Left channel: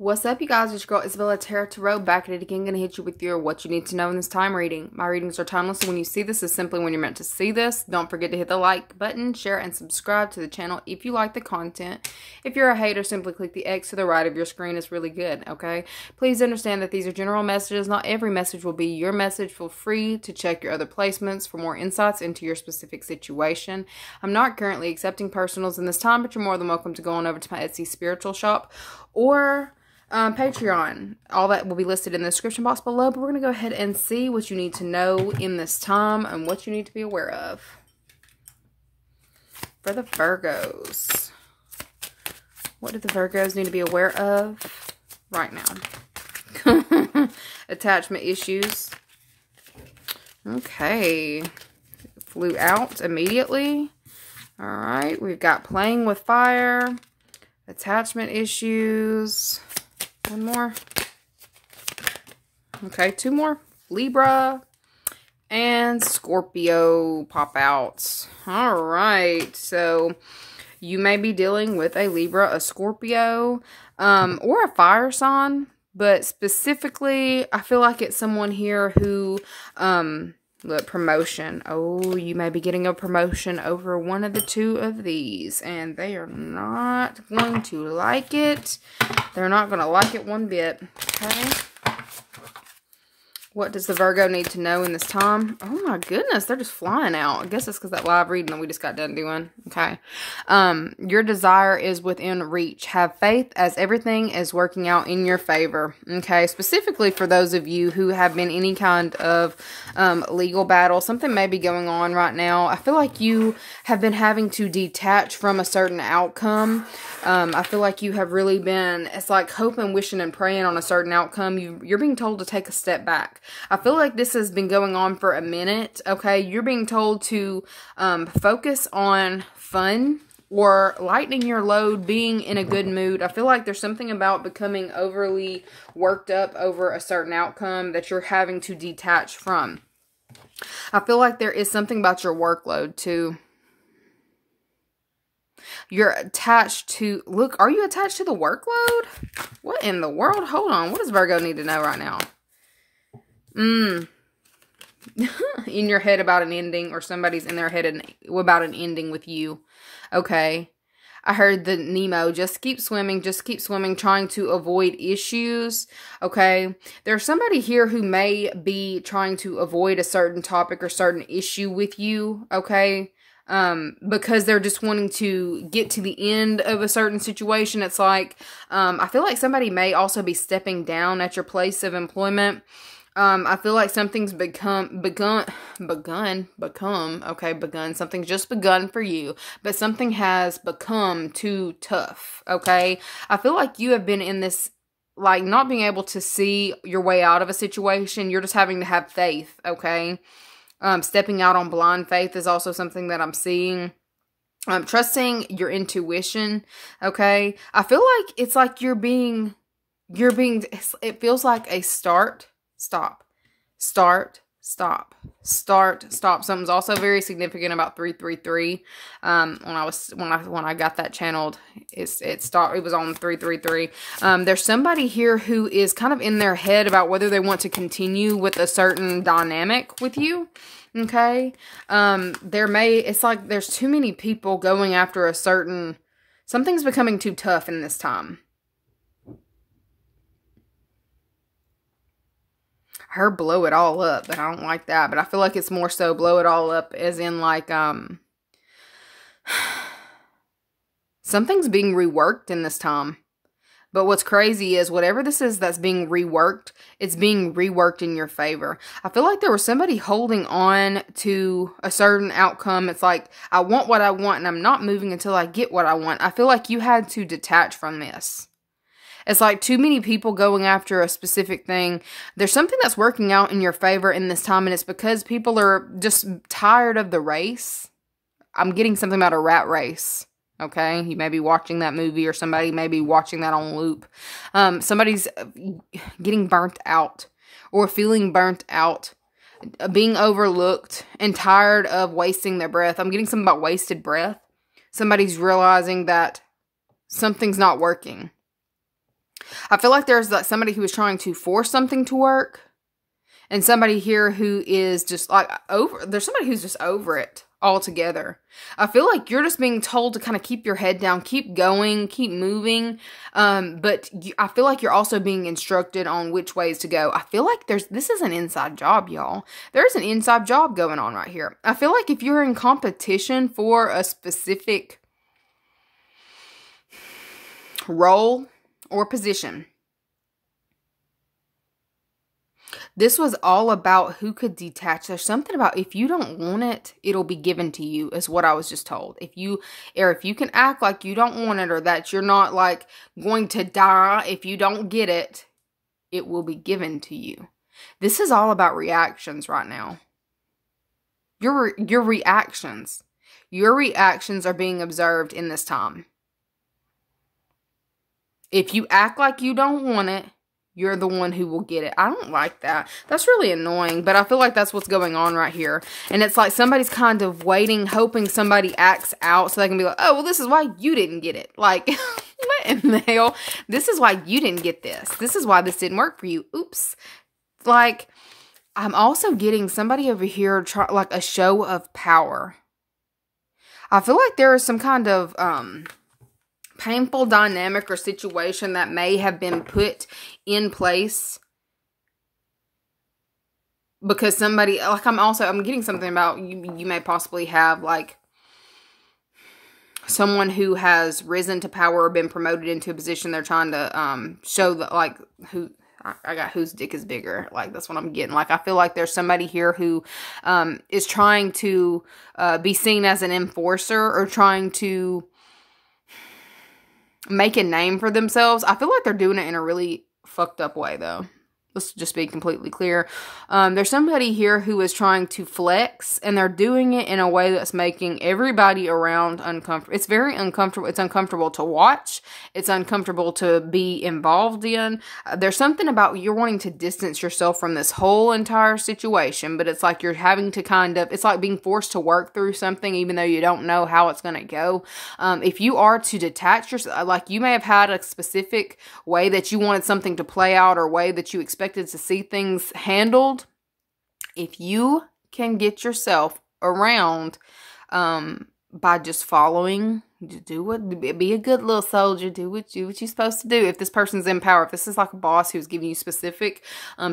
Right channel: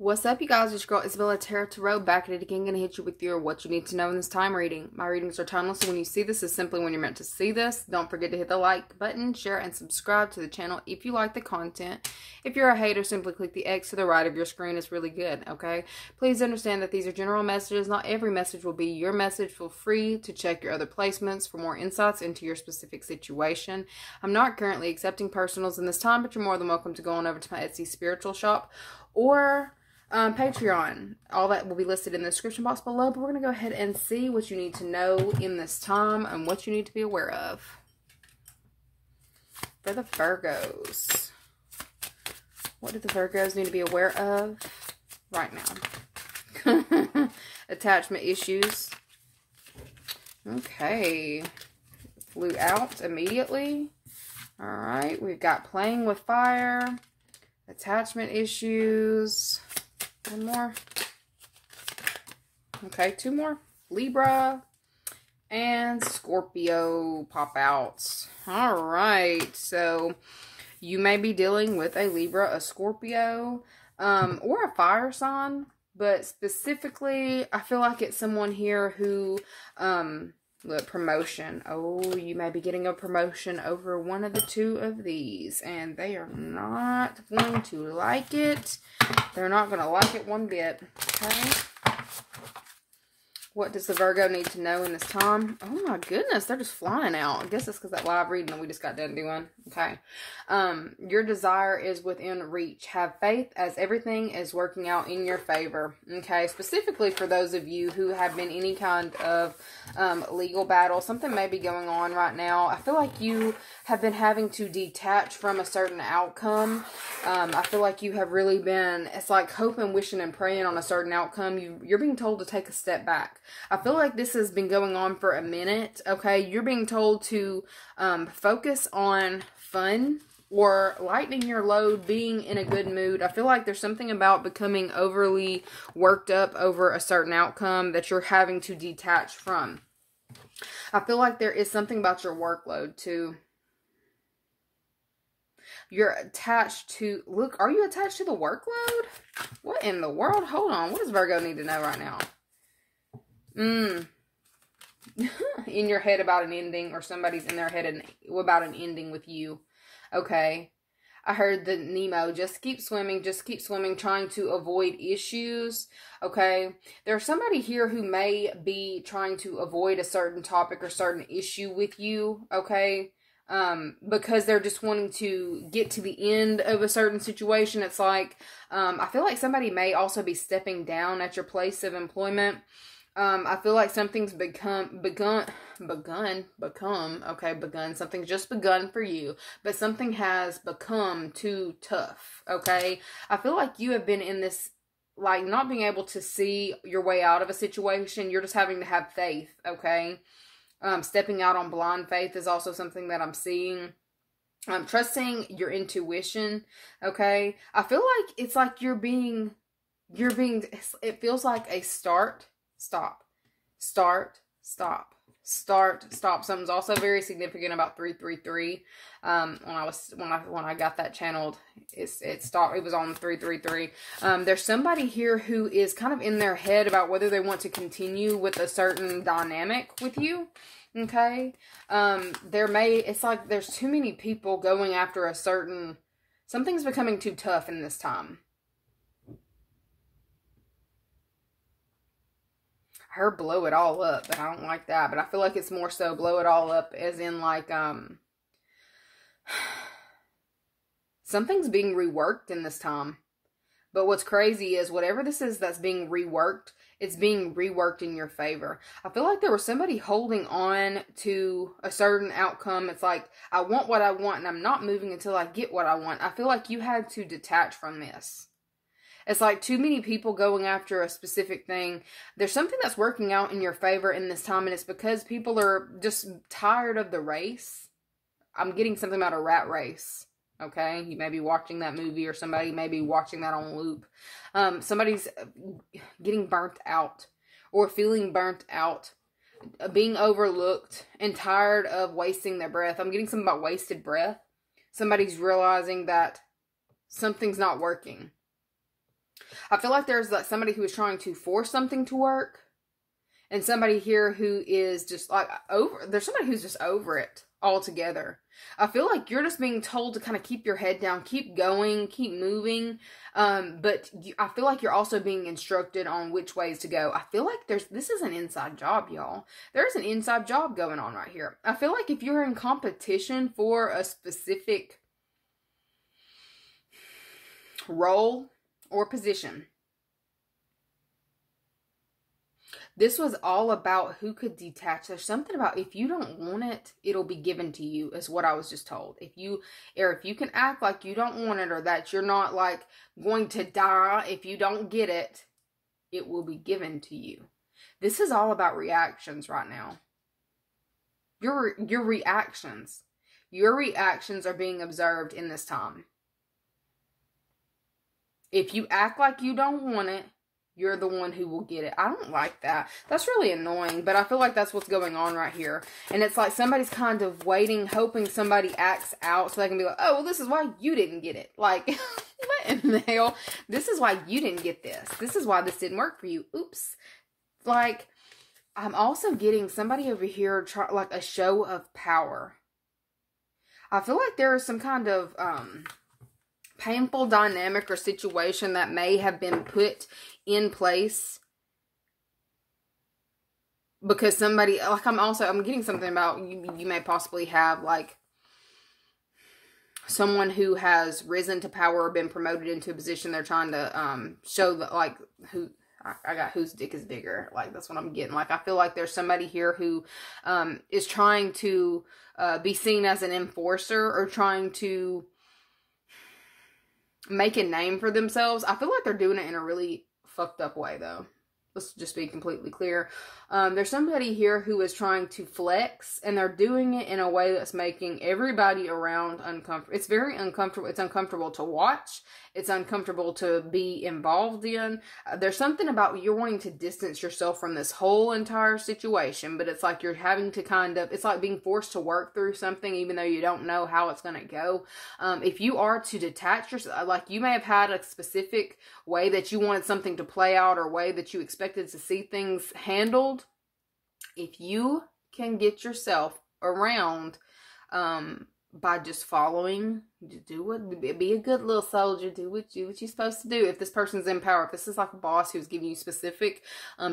What's up, you guys? It's your girl IsseyTara Tarot, back at it again. Gonna hit you with your what you need to know in this time reading. My readings are timeless, so when you see this is simply when you're meant to see this. Don't forget to hit the like button, share, and subscribe to the channel if you like the content. If you're a hater, simply click the X to the right of your screen. It's really good, okay? Please understand that these are general messages. Not every message will be your message. Feel free to check your other placements for more insights into your specific situation. I'm not currently accepting personals in this time, but you're more than welcome to go on over to my Etsy spiritual shop or Patreon. All that will be listed in the description box below, but we're going to go ahead and see what you need to know in this time and what you need to be aware of. For the Virgos, what do the Virgos need to be aware of right now? Attachment issues. Okay. Flew out immediately. Alright, we've got playing with fire. Attachment issues. One more. Okay, two more. Libra and Scorpio pop out. All right, so you may be dealing with a Libra, a Scorpio, or a fire sign, but specifically, I feel like it's someone here who, look, promotion. Oh, you may be getting a promotion over one of the two of these, and they are not going to like it. They're not going to like it one bit. Okay. What does the Virgo need to know in this time? Oh my goodness, they're just flying out. I guess it's because that live reading that we just got done doing. Okay. Your desire is within reach. Have faith as everything is working out in your favor. Okay. Specifically for those of you who have been any kind of legal battle. Something may be going on right now. I feel like you have been having to detach from a certain outcome. I feel like you have really been, it's like hoping, wishing, and praying on a certain outcome. You're being told to take a step back. I feel like this has been going on for a minute, okay? You're being told to focus on fun or lightening your load, being in a good mood. I feel like there's something about becoming overly worked up over a certain outcome that you're having to detach from. I feel like there is something about your workload, too. You're attached to, look, are you attached to the workload? What in the world? Hold on. What does Virgo need to know right now? In your head about an ending, or somebody's in their head about an ending with you. Okay. I heard the Nemo, just keep swimming, trying to avoid issues. Okay. There's somebody here who may be trying to avoid a certain topic or certain issue with you. Okay. Because they're just wanting to get to the end of a certain situation. It's like, I feel like somebody may also be stepping down at your place of employment. I feel like something's something's just begun for you, but something has become too tough, okay? I feel like you have been in this, like, not being able to see your way out of a situation. You're just having to have faith, okay? Stepping out on blind faith is also something that I'm seeing. Trusting your intuition, okay? I feel like it's like it feels like a start, stop, start, stop, start, stop. Something's also very significant about 333. When I got that channeled, it was on 333. There's somebody here who is kind of in their head about whether they want to continue with a certain dynamic with you. Okay. It's like there's too many people going after a certain, something's becoming too tough in this time. I heard blow it all up, but I don't like that. But I feel like it's more so blow it all up as in like, something's being reworked in this time. But what's crazy is whatever this is that's being reworked, it's being reworked in your favor. I feel like there was somebody holding on to a certain outcome. It's like, I want what I want and I'm not moving until I get what I want. I feel like you had to detach from this. It's like too many people going after a specific thing. There's something that's working out in your favor in this time, and it's because people are just tired of the race. I'm getting something about a rat race. Okay, you may be watching that movie, or somebody may be watching that on loop. Somebody's getting burnt out or feeling burnt out, being overlooked and tired of wasting their breath. I'm getting something about wasted breath. Somebody's realizing that something's not working. I feel like there's like somebody who is trying to force something to work. And somebody here who is just like there's somebody who's just over it altogether. I feel like you're just being told to kind of keep your head down, keep going, keep moving. But I feel like you're also being instructed on which ways to go. I feel like this is an inside job, y'all. There's an inside job going on right here. I feel like if you're in competition for a specific role or position, this was all about who could detach. There's something about if you don't want it, it'll be given to you, is what I was just told. If you can act like you don't want it, or that you're not like going to die if you don't get it, it will be given to you. This is all about reactions right now. Your reactions. Your reactions are being observed in this time. If you act like you don't want it, you're the one who will get it. I don't like that. That's really annoying, but I feel like that's what's going on right here. And it's like somebody's kind of waiting, hoping somebody acts out so they can be like, oh, well, this is why you didn't get it. Like, what in the hell? This is why you didn't get this. This is why this didn't work for you. Oops. Like, I'm also getting somebody over here, like a show of power. I feel like there is some kind of, painful dynamic or situation that may have been put in place because somebody, like I'm getting something about you may possibly have like someone who has risen to power or been promoted into a position. They're trying to show that like I got whose dick is bigger. Like, that's what I'm getting. Like, I feel like there's somebody here who is trying to be seen as an enforcer or trying to make a name for themselves. I feel like they're doing it in a really fucked up way, though. Let's just be completely clear. There's somebody here who is trying to flex, and they're doing it in a way that's making everybody around uncomfortable. It's very uncomfortable. It's uncomfortable to watch. It's uncomfortable to be involved in. There's something about you're wanting to distance yourself from this whole entire situation, but it's like you're having to it's like being forced to work through something even though you don't know how it's going to go. If you are to detach yourself, like you may have had a specific way that you wanted something to play out or way that you expected to see things handled. If you can get yourself around by just following, be a good little soldier, do what you're supposed to do. If this person's in power, if this is like a boss who's giving you specific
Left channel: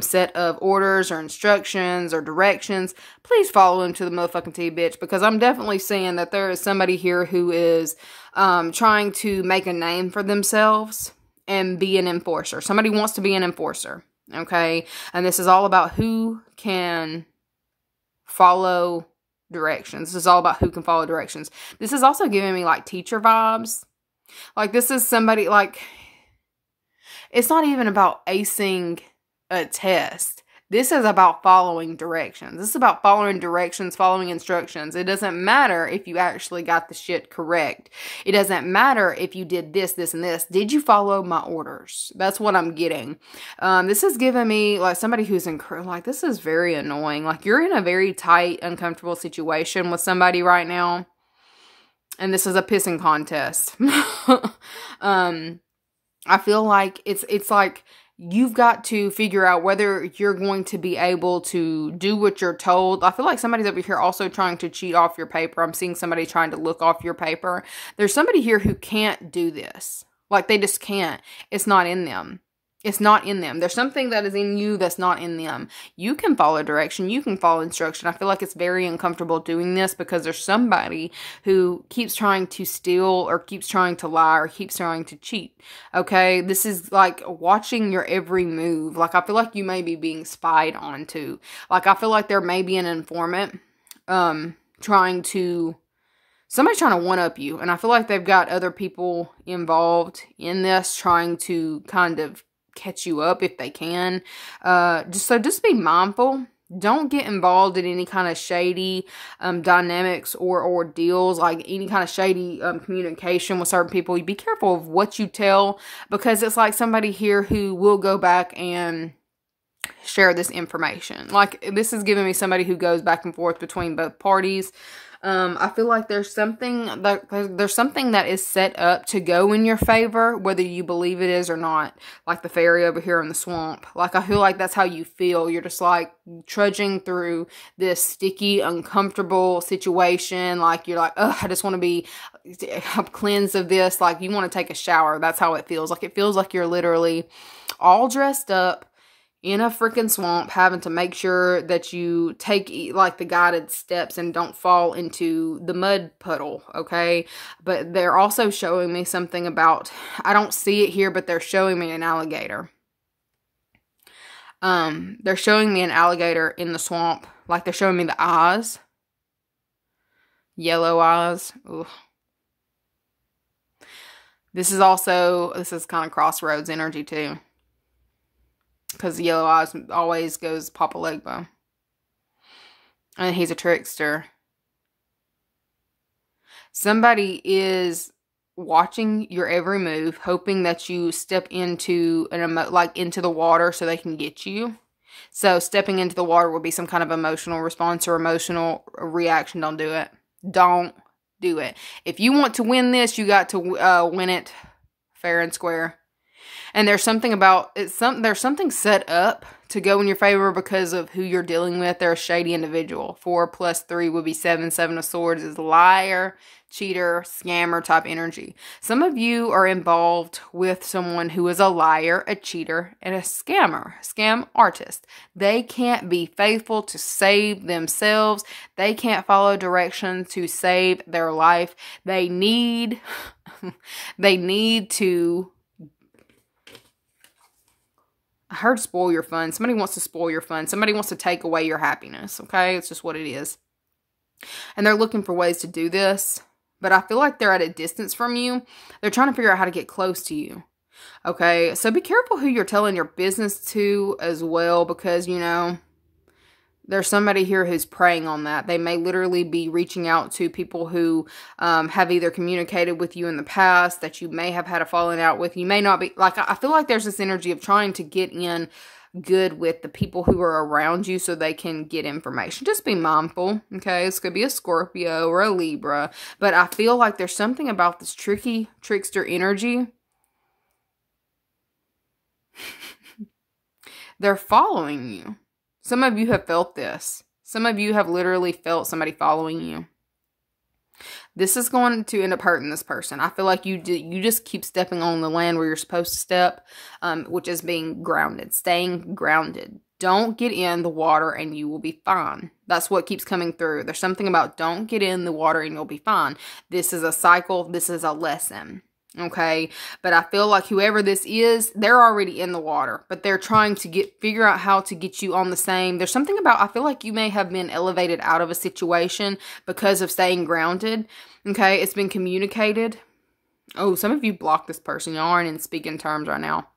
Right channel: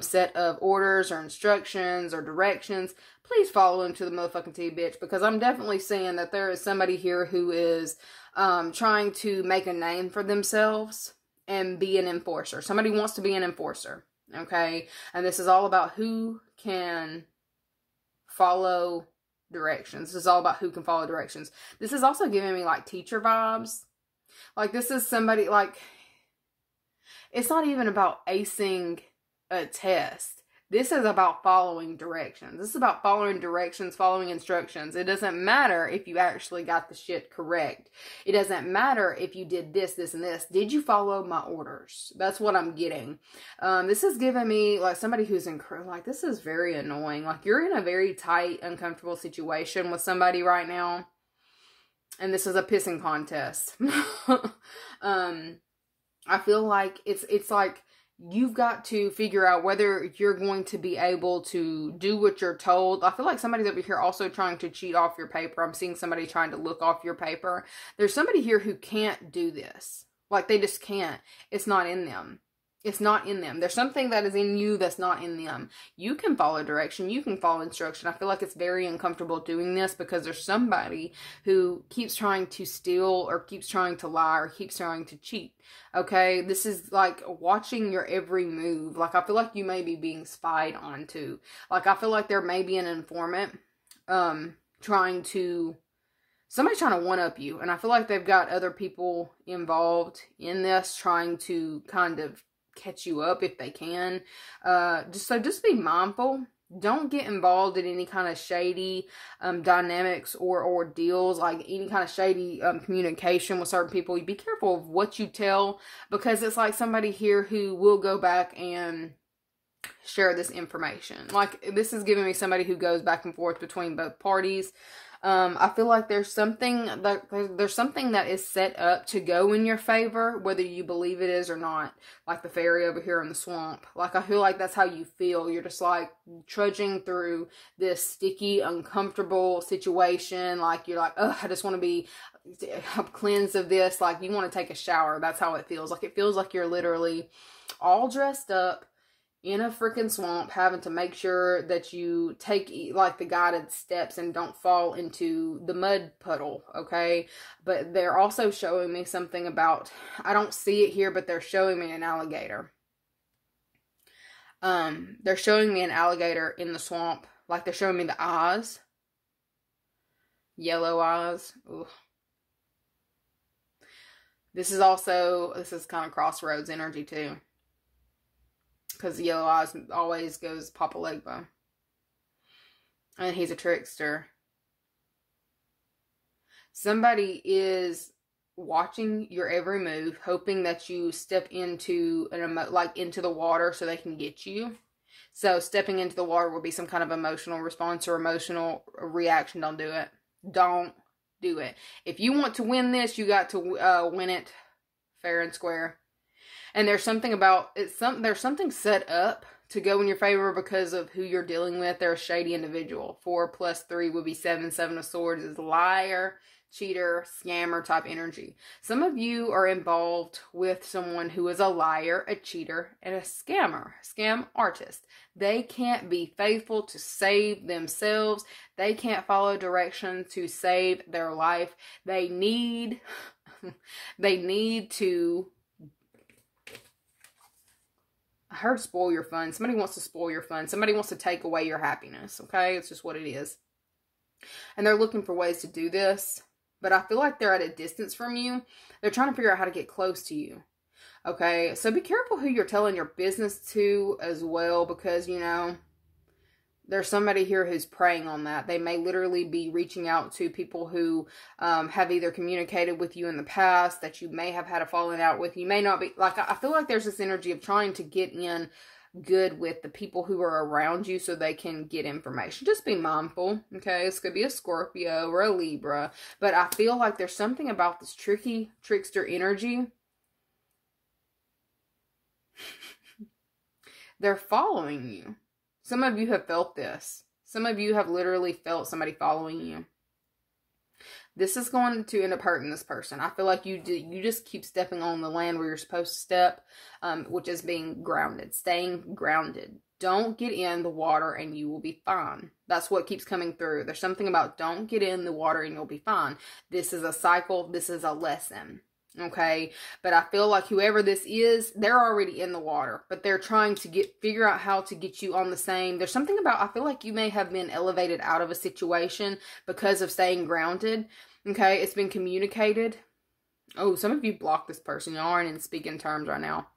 set of orders or instructions or directions, please follow him to the motherfucking T, bitch, because I'm definitely seeing that there is somebody here who is trying to make a name for themselves and be an enforcer. Somebody wants to be an enforcer. Okay, and this is all about who can follow directions. This is all about who can follow directions. This is also giving me like teacher vibes. Like this is somebody like, it's not even about acing a test. This is about following directions. This is about following directions, following instructions. It doesn't matter if you actually got the shit correct. It doesn't matter if you did this, this, and this. Did you follow my orders? That's what I'm getting. This is giving me like somebody who's like, this is very annoying. Like you're in a very tight, uncomfortable situation with somebody right now. And this is a pissing contest. I feel like it's like, you've got to figure out whether you're going to be able to do what you're told. I feel like somebody's over here also trying to cheat off your paper. I'm seeing somebody trying to look off your paper. There's somebody here who can't do this. Like, they just can't. It's not in them. It's not in them. There's something that is in you that's not in them. You can follow direction. You can follow instruction. I feel like it's very uncomfortable doing this because there's somebody who keeps trying to steal or keeps trying to lie or keeps trying to cheat. Okay? This is like watching your every move. Like, I feel like you may be being spied onto. Like, I feel like there may be an informant somebody trying to one-up you. And I feel like they've got other people involved in this trying to kind of catch you up if they can. Just be mindful. Don't get involved in any kind of shady dynamics or deals, like any kind of shady communication with certain people. You be careful of what you tell, because it's like somebody here who will go back and share this information. Like, this is giving me somebody who goes back and forth between both parties. I feel like there's something that is set up to go in your favor, whether you believe it is or not. Like the fairy over here in the swamp. Like, I feel like that's how you feel. You're just like trudging through this sticky, uncomfortable situation. Like, you're like, ugh, I just want to be cleansed of this. Like, you want to take a shower. That's how it feels. Like, it feels like you're literally all dressed up in a freaking swamp, having to make sure that you take like the guided steps and don't fall into the mud puddle, okay? But they're also showing me something about, I don't see it here, but they're showing me an alligator. They're showing me an alligator in the swamp. Like, they're showing me the eyes. Yellow eyes. Ugh. This is kind of crossroads energy too. Because yellow eyes always goes Papa Legbo. And he's a trickster. Somebody is watching your every move, hoping that you step into into the water so they can get you. So stepping into the water would be some kind of emotional response or emotional reaction. Don't do it. Don't do it. If you want to win this, you got to win it fair and square. And there's something about there's something set up to go in your favor because of who you're dealing with. They're a shady individual. 4 + 3 would be 7. 7 of Swords is liar, cheater, scammer type energy. Some of you are involved with someone who is a liar, a cheater, and a scammer, scam artist. They can't be faithful to save themselves. They can't follow directions to save their life. They need to, I heard spoil your fun. Somebody wants to spoil your fun. Somebody wants to take away your happiness, okay? It's just what it is. And they're looking for ways to do this. But I feel like they're at a distance from you. They're trying to figure out how to get close to you. Okay? So be careful who you're telling your business to as well. Because, you know, there's somebody here who's preying on that. They may literally be reaching out to people who have either communicated with you in the past, that you may have had a falling out with. You may not be, like, I feel like there's this energy of trying to get in good with the people who are around you so they can get information. Just be mindful, okay? This could be a Scorpio or a Libra. But I feel like there's something about this tricky trickster energy. They're following you. Some of you have felt this. Some of you have literally felt somebody following you. This is going to end up hurting this person. I feel like you just keep stepping on the land where you're supposed to step, which is being grounded, staying grounded. Don't get in the water and you will be fine. That's what keeps coming through. There's something about don't get in the water and you'll be fine. This is a cycle. This is a lesson. Okay, but I feel like whoever this is, they're already in the water, but they're trying to figure out how to get you on the same. There's something about, I feel like you may have been elevated out of a situation because of staying grounded. Okay, it's been communicated. Oh, some of you blocked this person. Y'all aren't in speaking terms right now.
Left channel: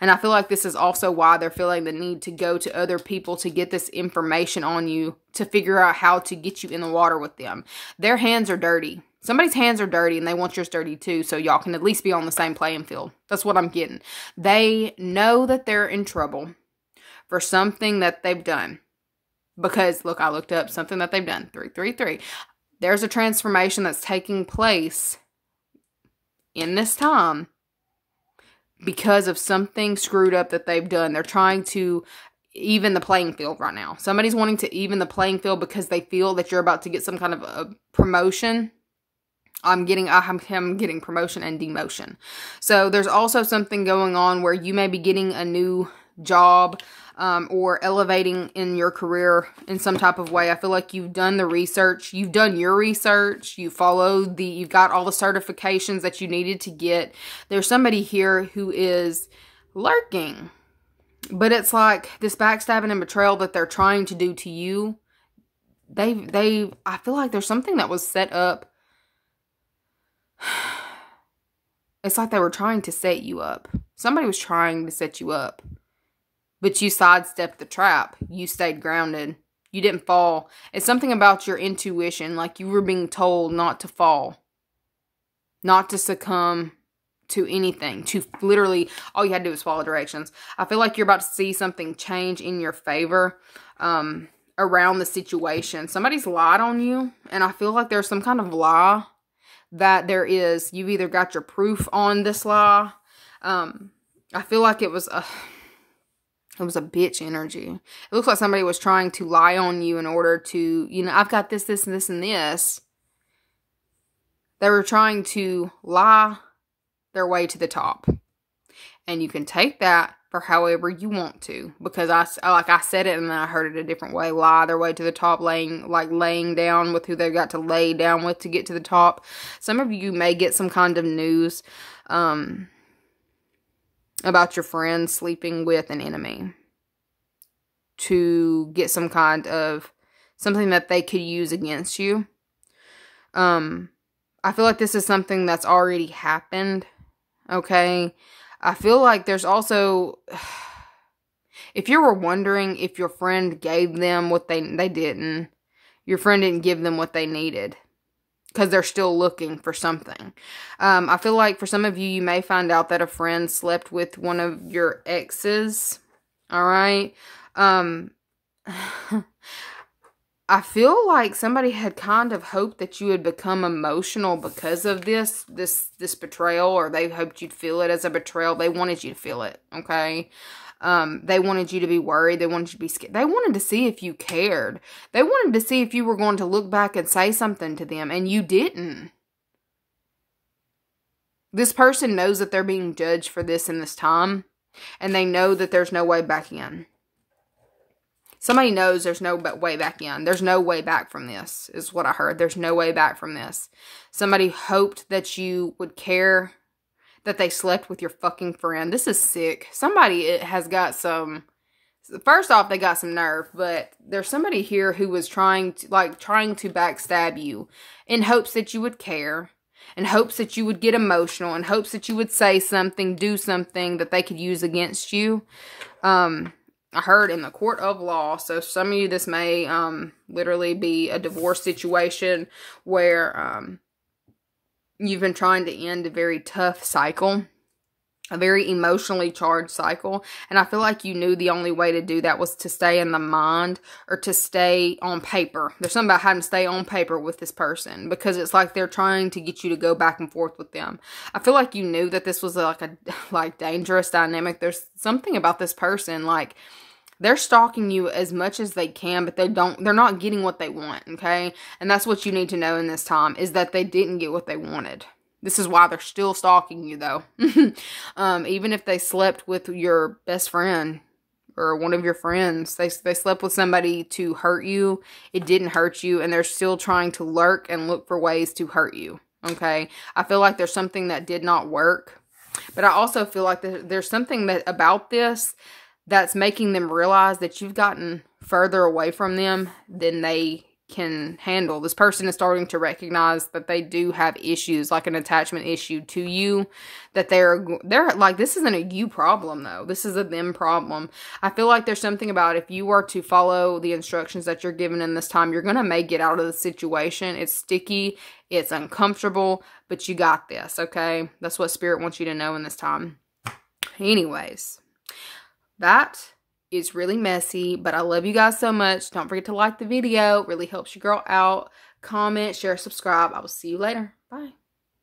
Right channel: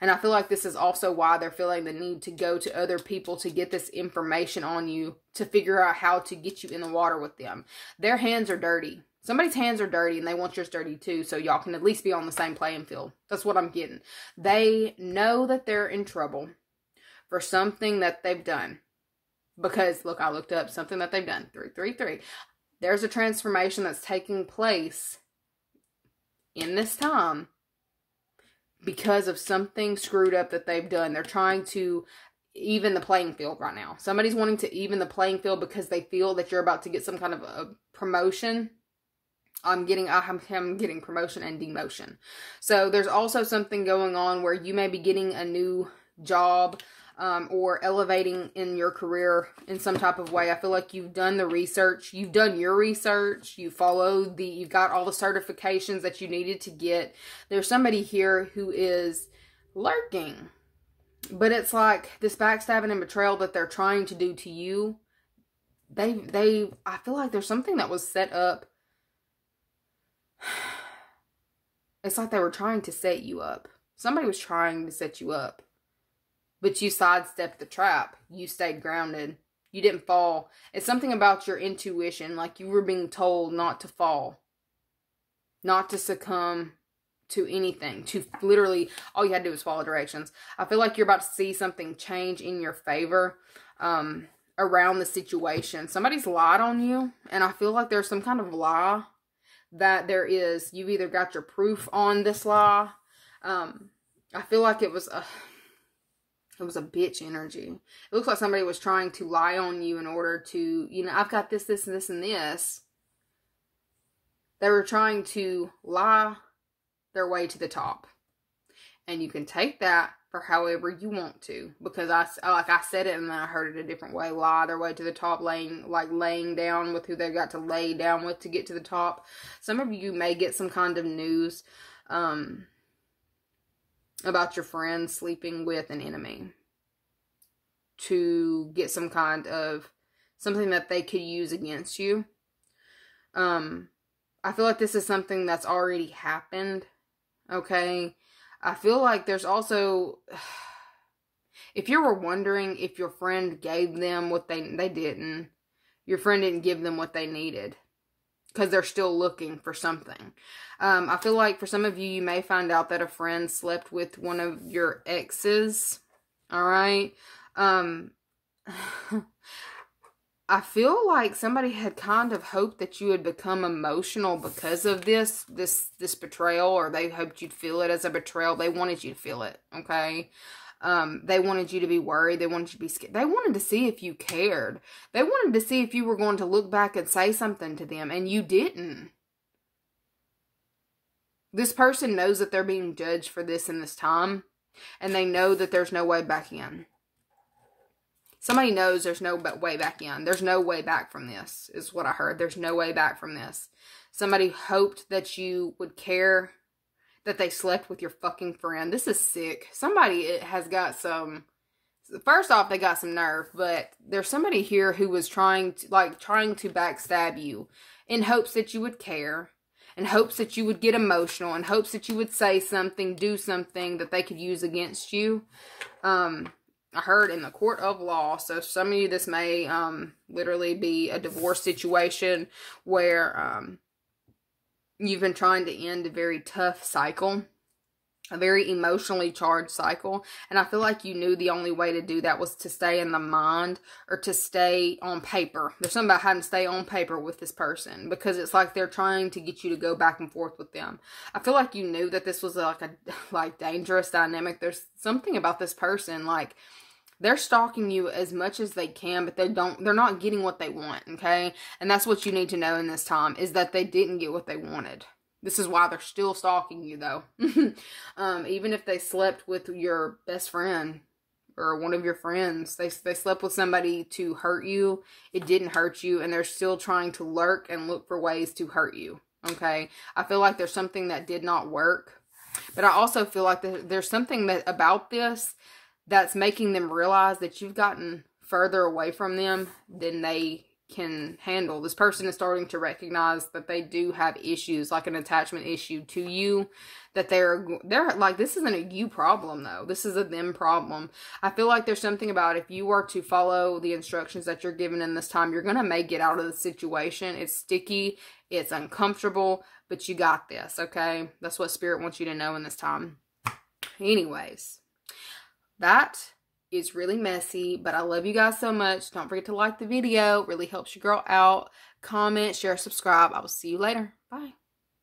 And I feel like this is also why they're feeling the need to go to other people to get this information on you, to figure out how to get you in the water with them. Their hands are dirty. Somebody's hands are dirty and they want yours dirty too, so y'all can at least be on the same playing field. That's what I'm getting. They know that they're in trouble for something that they've done. Because, look, I looked up something that they've done. 333. There's a transformation that's taking place in this time because of something screwed up that they've done. They're trying to even the playing field right now. Somebody's wanting to even the playing field because they feel that you're about to get some kind of a promotion. I'm getting promotion and demotion. So there's also something going on where you may be getting a new job or elevating in your career in some type of way. I feel like you've done the research. You've done your research. You've got all the certifications that you needed to get. There's somebody here who is lurking. But it's like this backstabbing and betrayal that they're trying to do to you. I feel like there's something that was set up. It's like they were trying to set you up. Somebody was trying to set you up. But you sidestepped the trap. You stayed grounded. You didn't fall. It's something about your intuition. Like you were being told not to fall. Not to succumb to anything. To literally, all you had to do was follow directions. I feel like you're about to see something change in your favor. around the situation. Somebody's lied on you, and I feel like there's some kind of lie that there is. You've either got your proof on this lie. I feel like it was a bitch energy. It looks like somebody was trying to lie on you in order to, you know, I've got this, this, and this, and this. They were trying to lie their way to the top. And you can take that for however you want to. Because I said it and then I heard it a different way. Lie their way to the top, laying down with who they've got to lay down with to get to the top. Some of you may get some kind of news about your friend sleeping with an enemy to get some kind of something that they could use against you. I feel like this is something that's already happened. Okay. I feel like there's also, if you were wondering if your friend gave them what they didn't. Your friend didn't give them what they needed. Because they're still looking for something. I feel like for some of you, you may find out that a friend slept with one of your exes. Alright? I feel like somebody had kind of hoped that you would become emotional because of this betrayal. Or they hoped you'd feel it as a betrayal. They wanted you to feel it. Okay? They wanted you to be worried. They wanted you to be scared. They wanted to see if you cared. They wanted to see if you were going to look back and say something to them, and you didn't. This person knows that they're being judged for this in this time, and they know that there's no way back in. Somebody knows there's no way back in. There's no way back from this, is what I heard. There's no way back from this. Somebody hoped that you would care that they slept with your fucking friend. This is sick. Somebody has got some... First off, they got some nerve, but there's somebody here who was trying to backstab you in hopes that you would care, in hopes that you would get emotional, in hopes that you would say something, do something that they could use against you. I heard in the court of law, so some of you, this may literally be a divorce situation where you've been trying to end a very tough cycle, a very emotionally charged cycle, and I feel like you knew the only way to do that was to stay in the mind or to stay on paper. There's something about having to stay on paper with this person because it's like they're trying to get you to go back and forth with them. I feel like you knew that this was like a dangerous dynamic. There's something about this person, like, they're stalking you as much as they can, but they're not getting what they want, okay? And that's what you need to know in this time, is that they didn't get what they wanted. This is why they're still stalking you, though. Even if they slept with your best friend or one of your friends, they slept with somebody to hurt you. It didn't hurt you, and they're still trying to lurk and look for ways to hurt you, okay? I feel like there's something that did not work, but I also feel like there's something about this that's making them realize that you've gotten further away from them than they can handle. This person is starting to recognize that they do have issues, like an attachment issue to you, that they're like, this isn't a you problem though. This is a them problem. I feel like there's something about if you were to follow the instructions that you're given in this time, you're going to may get out of the situation. It's sticky. It's uncomfortable, but you got this. Okay. That's what Spirit wants you to know in this time. Anyways. That is really messy, but I love you guys so much. Don't forget to like the video. It really helps your girl out. Comment, share, subscribe. I will see you later. Bye.